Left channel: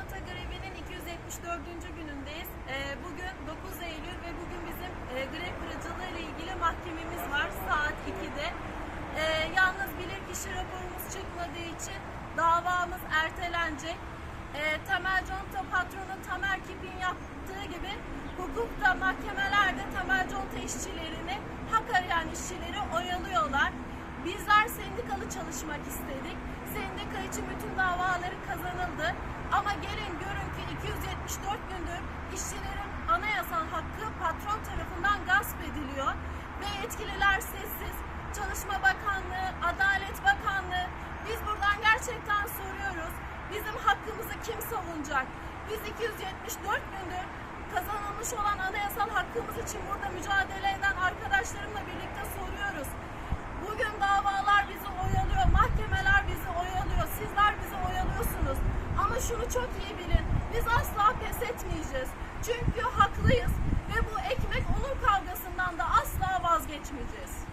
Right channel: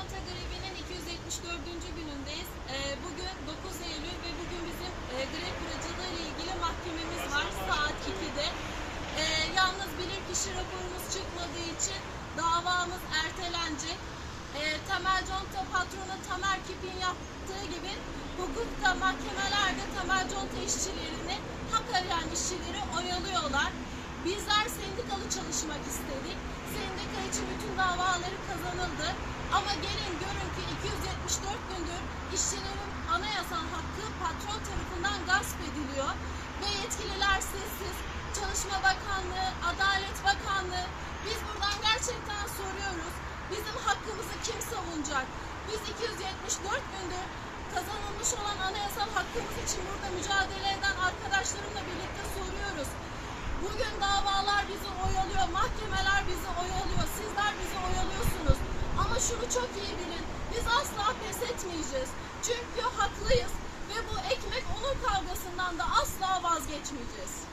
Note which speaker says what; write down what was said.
Speaker 1: Conta grevinin 274. günündeyiz. Ee, bugün 9 Eylül ve bugün bizim e, grev kırıcılığı ile ilgili mahkememiz var saat 2'de. Ee, yalnız bilirkişi raporumuz çıkmadığı için davamız ertelenecek. Ee, Temel Conta patronu Tamer Kip'in yaptığı gibi hukukta mahkemelerde Temel Conta işçilerini hak arayan işçileri oyalıyorlar. Bizler sendikalı çalışmak istedik. Sendika için bütün davaları kazanıldı. Ama gelin görün ki 274 gündür işçilerin anayasal hakkı patron tarafından gasp ediliyor. Ve yetkililer sessiz. Çalışma Bakanlığı, Adalet Bakanlığı. Biz buradan gerçekten soruyoruz. Bizim hakkımızı kim savunacak? Biz 274 gündür kazanılmış olan anayasal hakkımız için burada mücadele eden arkadaşlarımla birlikte soruyoruz. Bugün davalar bizi oyalıyor, mahkemeler bizi oyalıyor, sizler bizi oyalıyorsunuz. Ama şunu çok iyi bilin, biz asla pes etmeyeceğiz. Çünkü haklıyız ve bu ekmek onun kavgasından da asla vazgeçmeyeceğiz.